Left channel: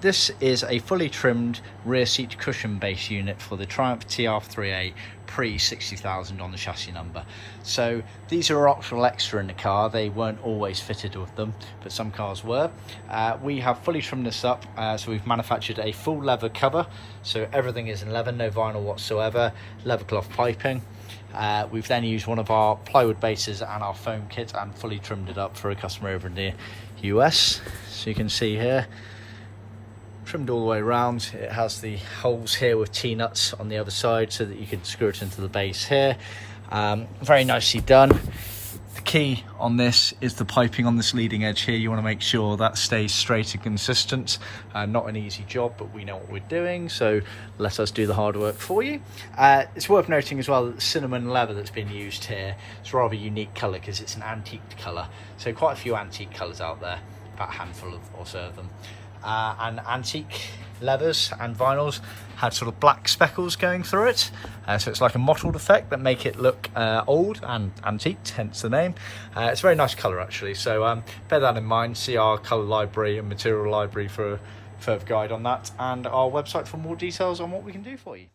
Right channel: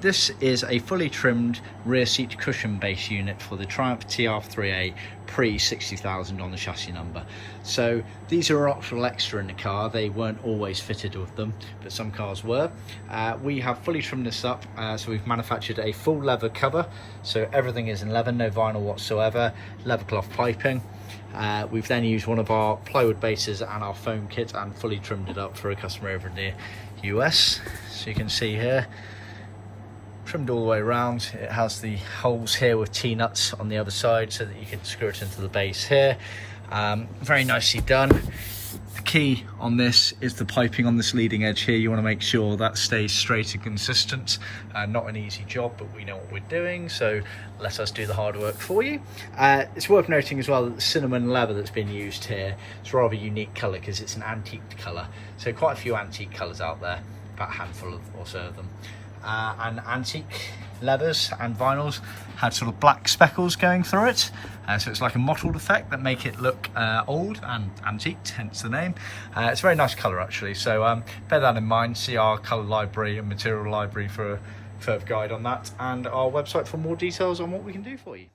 this is a fully trimmed rear seat cushion base unit for the Triumph TR3A pre 60,000 on the chassis number. So these are optional extra in the car. They weren't always fitted with them, but some cars were. We have fully trimmed this up, so we've manufactured a full leather cover, so everything is in leather, no vinyl whatsoever, leathercloth piping. We've then used one of our plywood bases and our foam kit and fully trimmed it up for a customer over in the US. So you can see here, trimmed all the way around. It has the holes here with T-nuts on the other side so that you can screw it into the base here. Very nicely done. The key on this is the piping on this leading edge here. You want to make sure that stays straight and consistent. Not an easy job, but we know what we're doing, so let us do the hard work for you. It's worth noting as well that the cinnamon leather that's been used here is a rather unique colour because it's an antique colour. So quite a few antique colours out there, about a handful or so of them. And antique leathers and vinyls had sort of black speckles going through it, so it's like a mottled effect that make it look old and antique, hence the name. It's a very nice colour actually, so bear that in mind. See our colour library and material library for a further guide on that, and our website for more details on what we can do for you.